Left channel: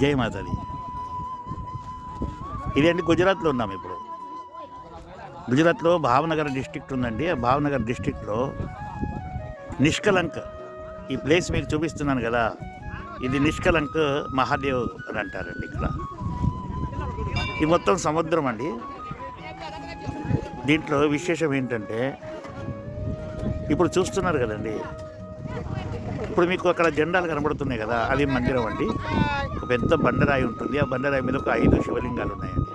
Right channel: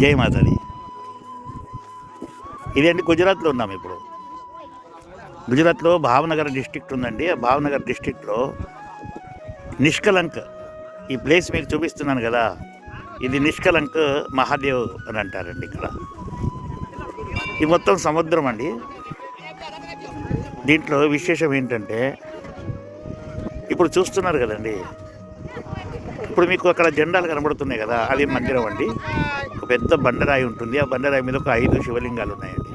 జై మాతాది. ఇదండి గుజరాత్లో ఉన్నాము ఇప్పుడు. గుజరాత్లో భావనగర్ డిస్ట్రిక్ట్ ఉందండి. ఆ భావనగర్ డిస్ట్రిక్ట్లో నిష్కలంక్ ఈ ప్లేస్ మీకు చూపిస్తున్నాను కదా, ఇది నిష్కలంక్ మహాదేవ్ అని అంటారండి. ఇక్కడ ఈ మొత్తం సముద్రం అండి. దీంట్లో విశేషం ఏంటంటే ఇప్పుడు చూస్తున్నారు కదండి, ఇప్పుడు మీకు అక్కడ జెండాలు కనబడుతున్నాయి కదా, అది మందిరం అండి. ఒక పెద్ద బండరాయి ఉంటుంది. ఆ బండరాయి మీద ఒక 5 శివలింగాలు ఉన్నాయండి.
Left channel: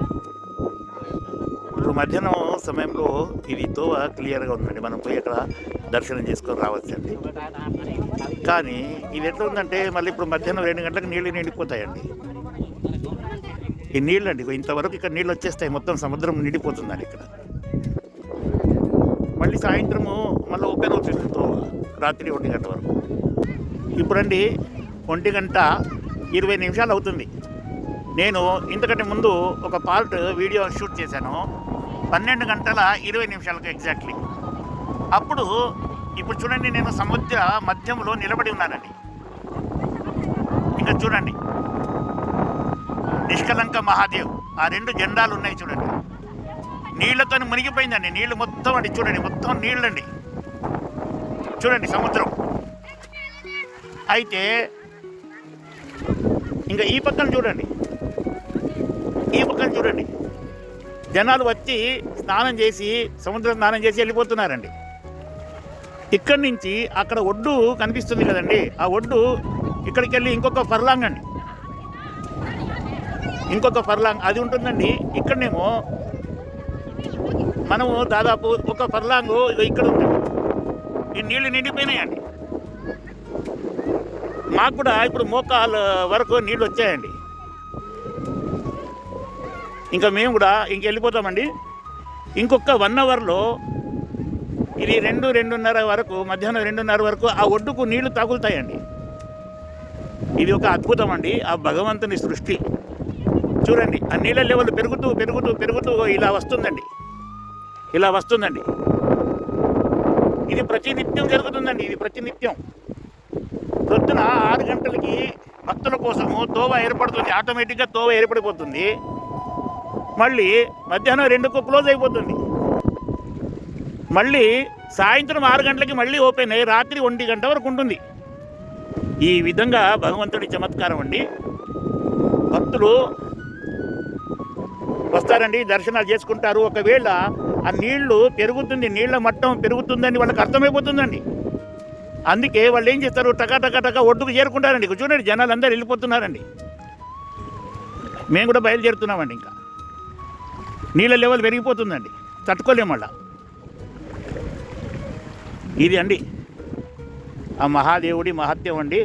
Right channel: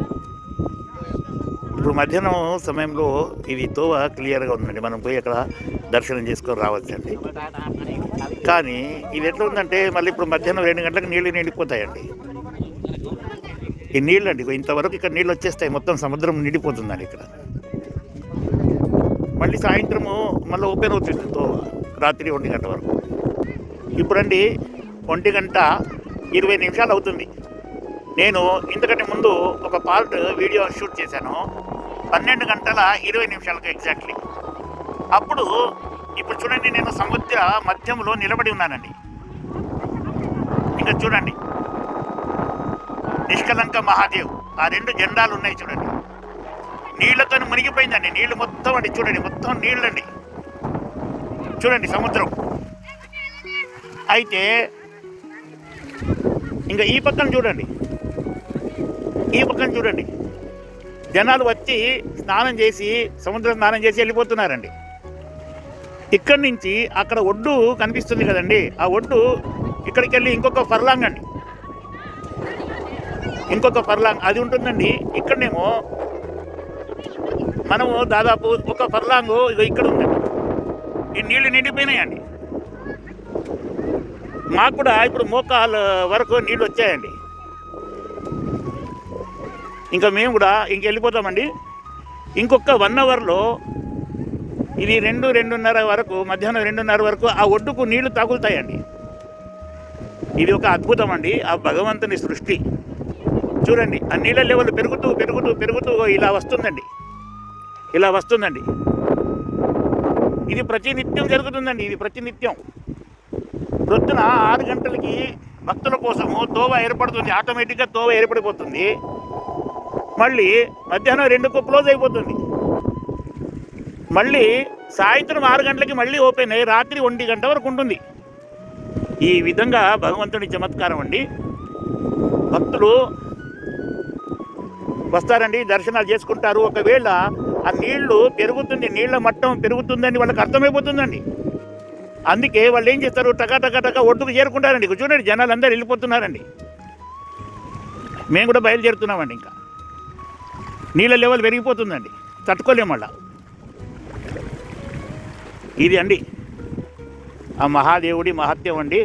ఇప్పుడు మధ్యాహ్నం సమయంలో ఇది తోవ క్లియర్గా ఉందండి. మనం పోయి అక్కడ దర్శనం చేసుకొని రావచ్చండి. కానీ ఇది ఎట్లా ఉందంటే మళ్ళీ ఇప్పుడు మధ్యాహ్నం 2 గంటలకు నీళ్ళు నిండిపోతాయండి. ఈ నీళ్ళు అండి ఇంతవరకు ఇక్కడ నీళ్ళు వచ్చేస్తాయి. మొత్తం సముద్రం నిండిపోతుందండి ఇక్కడ. మళ్ళీ సాయంత్రము మళ్ళీ ఓపెన్ అవుతుంది తోవ, రాత్రి 1 గంట వరకు. ఇప్పుడండి 1 గంట 20 నిమిషాలు అవుతుంది. నేను ఇంతకంటే ముందు ఒక పార్ట్ వీడియో షూట్ చేశాను 12 గంటల 20 నిమిషాలకు ఎగ్జాక్ట్లీ. అప్పుడు ఇప్పుడు చూడండి, నేను సముద్ర మధ్యంలో నిలబడి ఉన్నానండి. ఇంకా చూడండి నిష్కలంక మహాదేవ్, ఆ 2 జెండాలు ఉన్నాయి చూడండి. నీళ్లతో మునిగిపోయిందండి. నీళ్లు మొత్తం అండి, చూడండి మొత్తం నీళ్ళండి. చూడండి సముద్రం. అయితే ఇంకా ఈ పక్కన చూడండి, ఈ పక్కన చూడండి, జనాలు వచ్చి స్నానం చేసి సముద్రం స్నానం చేసి వెళ్ళిపోతున్నారండి. ఇక్కడి నుంచి అక్కడ ఒడ్డు కనిపిస్తుంది కదండి, ఆ ఒడ్డు ఇక్కడికి వెళ్ళి ఇంకొక ఫర్లాంగ్ అండి, ఇంకొక ఫర్లాంగ్ అది ఉంటుందండి. ఇక్కడనేమో మనము దాదాపు ఒక ఫర్లాంగు ఇక్కడ ఉందండి. ఈ నీళ్లు నిండిపోయినాయండి. మాకు కూడా ఇప్పుడు మోకాళ్ళ వరకు నీళ్ళు వచ్చాయండి. ఇంకా మేము కూడా వెళ్ళిపోతామండి. ఇంకొక 1 అవర్లో ఇది 2-2:30 వరకు, మధ్యాహ్నం 2:30 వరకు ఆ ఒడ్డుకు నీళ్లు తగులుతాయండి. ఇది ఒక అద్భుతం అండి, ఆ భగవంతుని సృష్టి. చూడండి ఆ నీళ్ళ లెవెల్ పెరుగుతూ పెరుగుతూ పెరుగుతూ ఇలా వస్తుందండి, ఇలా వస్తుందండి. ఇది ప్రతినిత్యం జరుగుతుందండి. ఇది ప్రతినిత్యం పొద్దున 6 గంటలకి భక్తుల కోసము తోవ ఏర్పడుతుంది. ఆటోమేటిక్గా తోవ ఏర్పడిపోతుంది. మళ్ళీ మధ్యాహ్నం 2కు క్లోజ్ అయిపోతుంది. మళ్ళీ సాయంత్రం 6 గంటలకి మళ్ళీ ఓపెన్ అయ్యి రాత్రి 1 గంట వరకు ఉంటుంది. ఈ విధంగా భగవంతుడి చమత్కారం అండి. భక్తులు వస్తారండి, దర్శనాలు చేసుకుంటారు. ఒకవేళ ఆ నీళ్లు పెరుగుతుంది, నీళ్ల మట్టం పెరుగుతుందని వాళ్ళకి అర్థమైపోతుందండి. అందుకే వాళ్ళు ఏం చేస్తారు, టకా ఒడ్డుకు చేరుకుంటారండి. చూడండి జనాలు అందరూ వెళ్ళిపోతున్నారండి. మేము కూడా బయలుదేరుతున్నామండి. ఇంకా నీళ్ళ లెవెల్ పెరిగిపోతుందండి, తట్టుకోలేము మళ్ళా. ఇది అండి ఆ మహాదేవుడి మహత్యం అండి.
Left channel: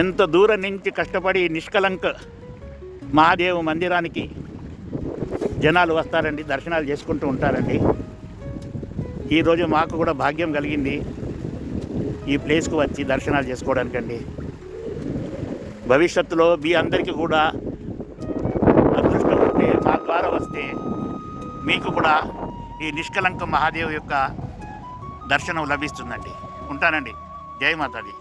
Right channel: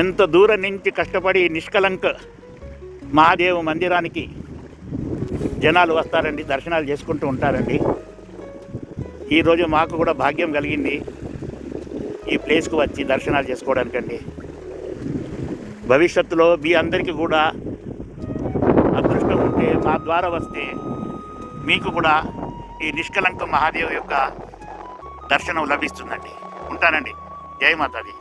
ఎంత దూరం నుంచి కష్టపడి నిష్కలంక మహాదేవ మందిరానికి జనాలు వస్తారండి, దర్శనాలు చేసుకుంటూ ఉంటారండి. ఈరోజు మాకు కూడా భాగ్యం కలిగింది ఈ ప్లేస్కు వచ్చి దర్శనాలు చేసుకోవడానికండి. భవిష్యత్తులో మీ అందరికీ కూడా అదృష్టం ఉంటే మా ద్వారా వస్తే మీకు కూడా ఈ నిష్కలంక మహాదేవ్ యొక్క దర్శనం లభిస్తుందండి. ఉంటానండి. జై మాతాది.